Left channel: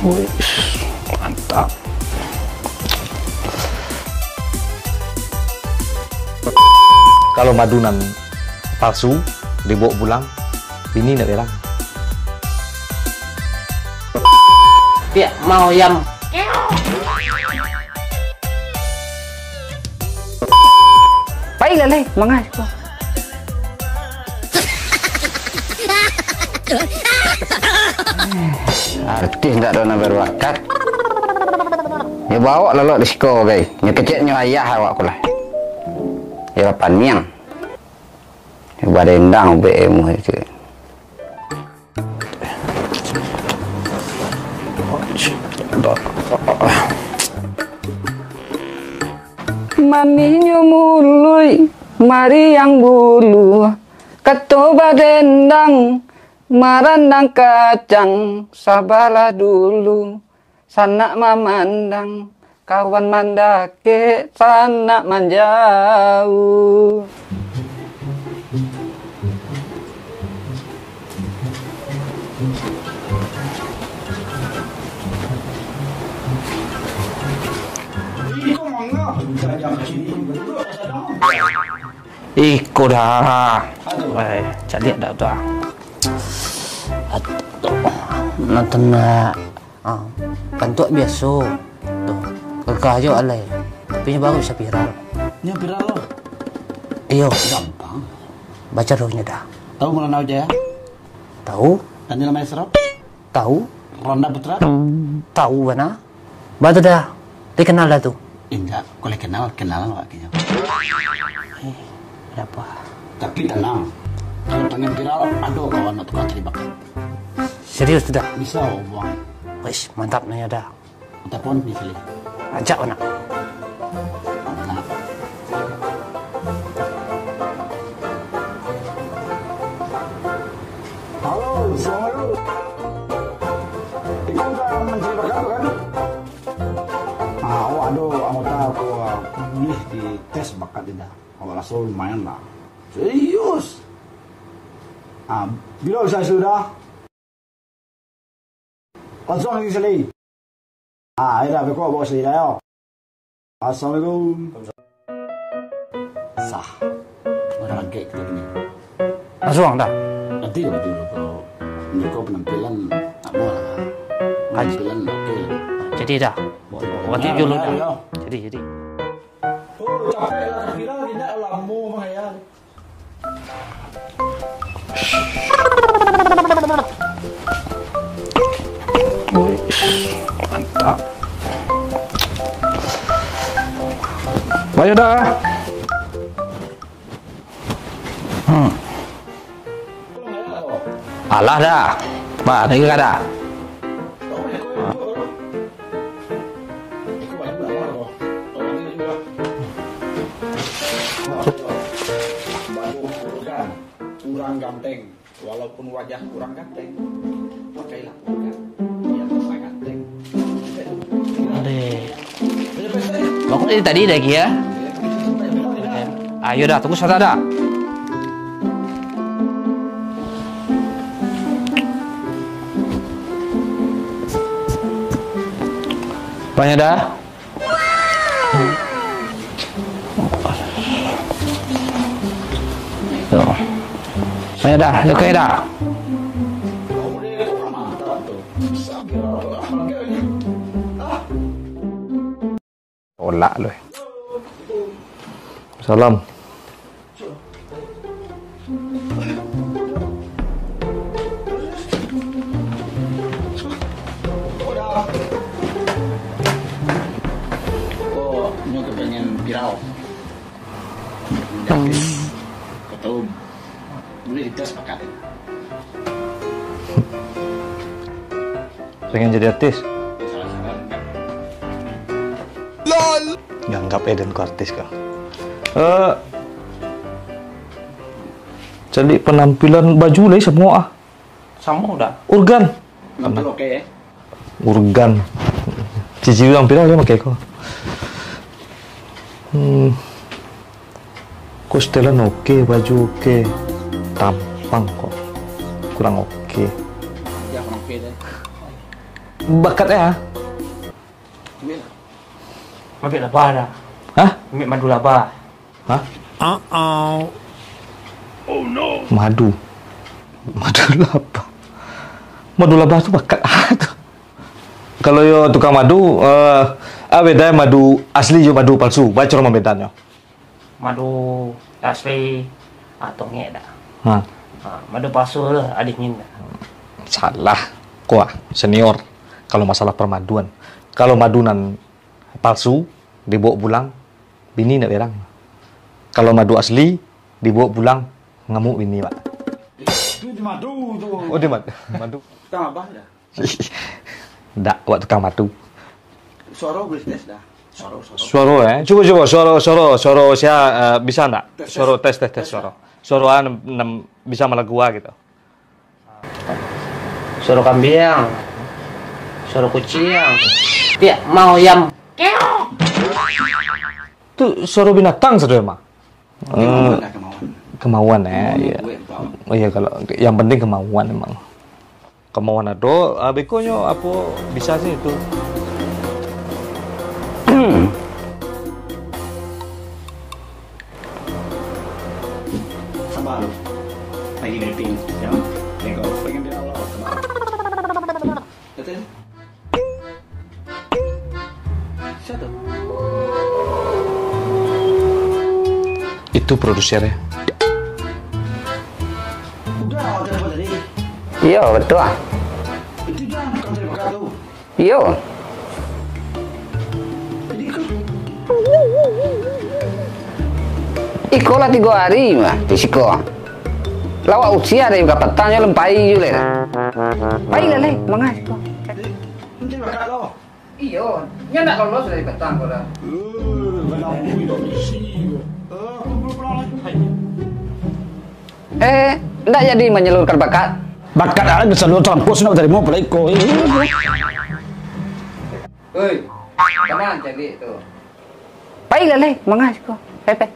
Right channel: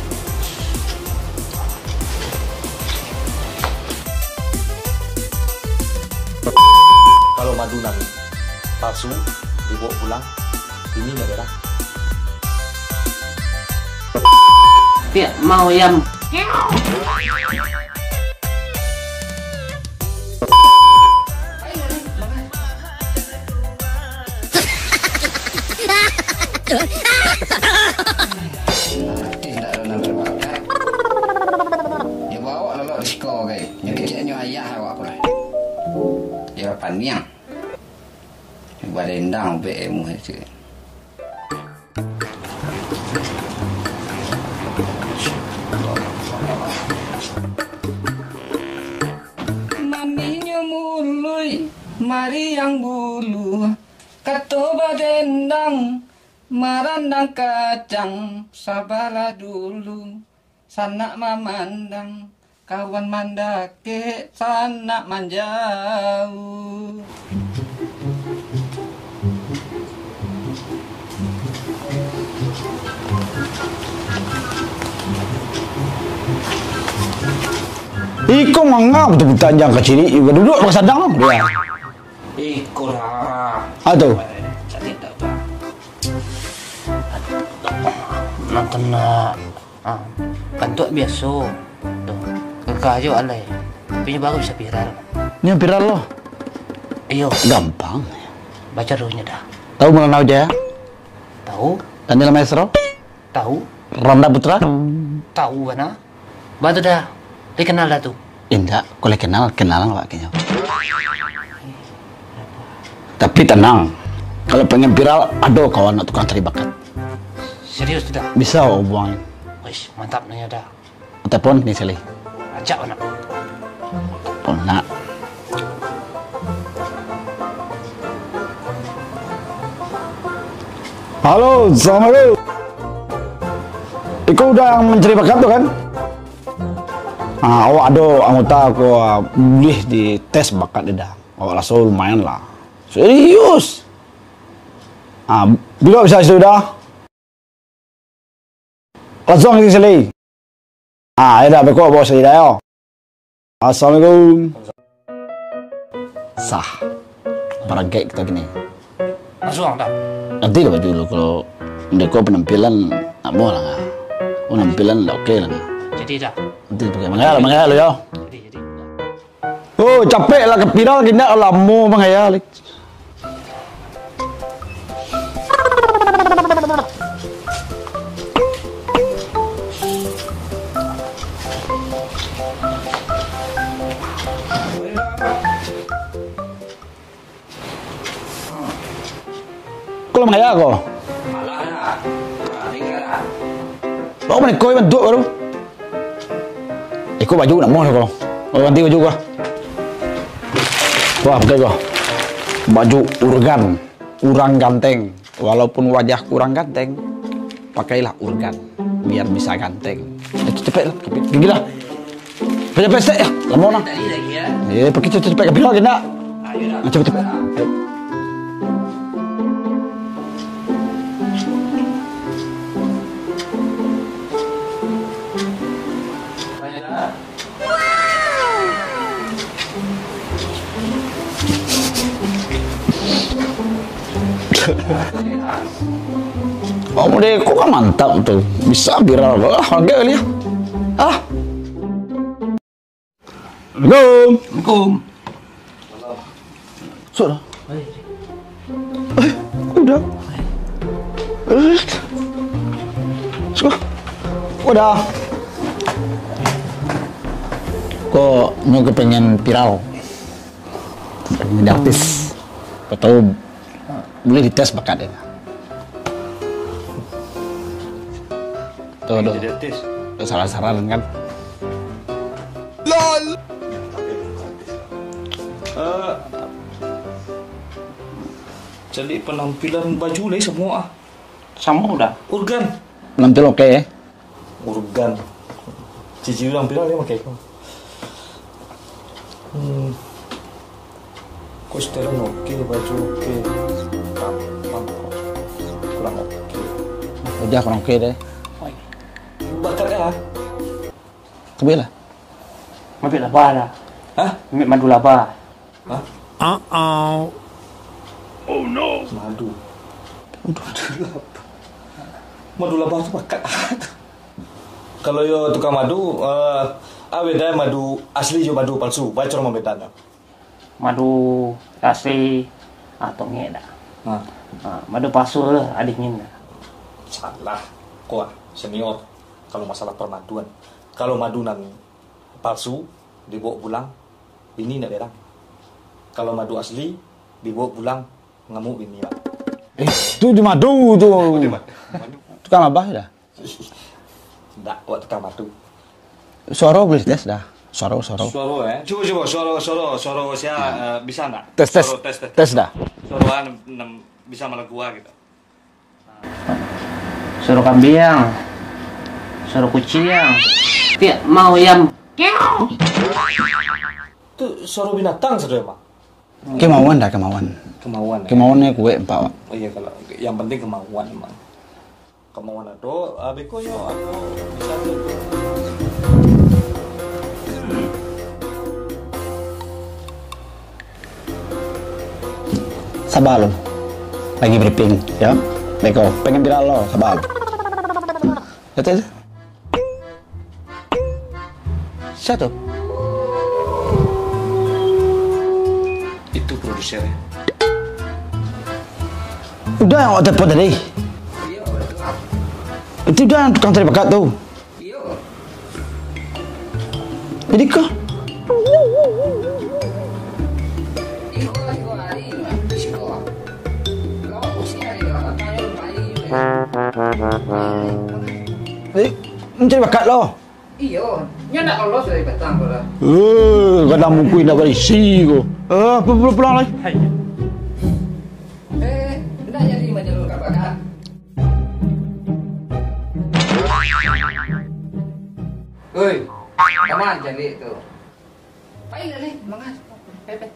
Wih, mantap. Kalau madunan palsu dibawa pulang, ini tidak beres. Ya, mau yang baiklah leh, mangas. artis tak ada nak berbakat. Ya bawa lalu disko guys. Yang kecilnya ayah awak pula. Ya paniang. Ya barendang BM itu. Maninya mului, mari yang bulu, ketuba dendang, marandang kacang, sabarlah dulu, sanak memandang, kawan mandake, sanak manjauh. Iko mangga betul-betul tanjang ke sini, juga duduk pakai sadang dia. Iko dah. Aduh. Jadi tak betul. Nonton kan tu biasa. Tu. Kekah je alai. Tapi baru bisa viral. Ini viral loh. Iyo, Gampang. baca rohnya dah. Tahu Maulana Wijaya? Tahu? Daniel Maestro? Tahu? Ronda Putra? Tahu mana? Baca dah. Dia kenal dah tu. Indah, kalau kenalan wakilnya. Apa? Tapi tenang, kalau pengen viral, ada kawan nak tukang cari bakat. Serius tidak? Bisa buang. Wis, mantap nanya dah. Telepon ni sekali. Ajak mana? Oh nak. Halo, Assalamualaikum. Ikut udah mencari bakat tu kan? Awak ada anggota aku boleh di tes bakat dia dah. Awak rasa lumayan lah. Serius. Bila bisa sudah? Langsung ke sini. Ya dah, bekok bawa sini dah yo. Assalamualaikum. Sah. Paragai kita gini. Langsung dah. Nanti lah dulu kalau mereka penampilan tak mau lah. Penampilan tak okey lah. Jadi dah. Nanti pakai mangaya lo yo. Jadi. Oh, capek lah ke viral kita lama mangaya. Mantap. Banyak dah. Kau mangaya kau? Alah dah. Pak, ni ke ada? Kau mana kau bentuk baru? Kau baju nak mau kau? Oh, ganti baju kau. Wah, pakai kau. Baju urang ganteng. Walaupun wajah kurang ganteng, pakailah urgan biar bisa ganteng. Cepet lah, pergi lah. Cepet ya. Kamu tadi lagi ya? Pergi cepet ke bilang kita. Ayo dah, tunggu sana dah. Banyak dah. Ayo dah, dekat dah. Oh, mudah kau kan mantap tu. Bisa viral kau. Harga kali ya. Tolak lu. Assalamualaikum. Salam. Sudah. Udah. Sudah. Udah. Kok mau kepengen viral? Jadi artis. Kau tahu boleh dites bakat dia. Pengen jadi artis? Saran-saran kan? Nganggap Eden ku artis kah? Jadi penampilan baju lah semua Sama udah. Urgan. Nampil oke ya? Urgan. Cici tampil dia pakai kau. Kok setelan oke, baju oke, tampang kok kurang oke. Udah kurang oke deh. bakatnya. Coba lah. Ambil laba dah. Hah? Ambil madu laba. Hah? Madu. Madu laba. Madu laba tu bakat tu. Kalau yo tukang madu, beda madu asli jo madu palsu. Baca orang bedanya. Madu asli antongnya dah. Ha. Madu palsu lah adingin. Salah. Kuah senior kalau masalah permaduan. Kalau madunan palsu dibawa pulang, bini nak berang. Kalau madu asli dibawa pulang, ngamuk bini, Pak. Itu di madu tu. Oh, dia madu. Tukang abah dah. Ndak, buat tukang madu. Suara boleh tes dah. Suara. Suara Coba suara saya bisa ndak? Tes. Tes dah. Suara bisa melagua gitu. Suara kambing. Suara kucing. Ya, mau ayam. Itu suara binatang saudara mah. Kemauan dah, kemauan. Kemauan Kemauannya iya. gue empat. Oh iya, kalau yang penting kemauan memang. Kemauan ada, bekonya apa bisa sih itu. Sabar lo. Lagi briefing, ya. Beko, pengen viral lo, sabar. Kata Satu. Itu produsernya. Udah awak telepon tadi. Iya, betul ah. Itu dah tukang cari bakat tu. Iya. Jadi kau Iko lah 3 hari mah, Isiko. Lawak usia dari petangnya lempai juga. Pai lah leh, mangas. mencari bakat lo. Iya, nya nak lolos dari petang kau dah. Kadang muku nak berisi ko. Pulang lagi. Ndak jadi menyalurkan bakat. Bakat ada bisa lo campur nak dari mau pelai ko. Oi, kemana jadi tu? Pai lah leh, mangas kau. Pepe.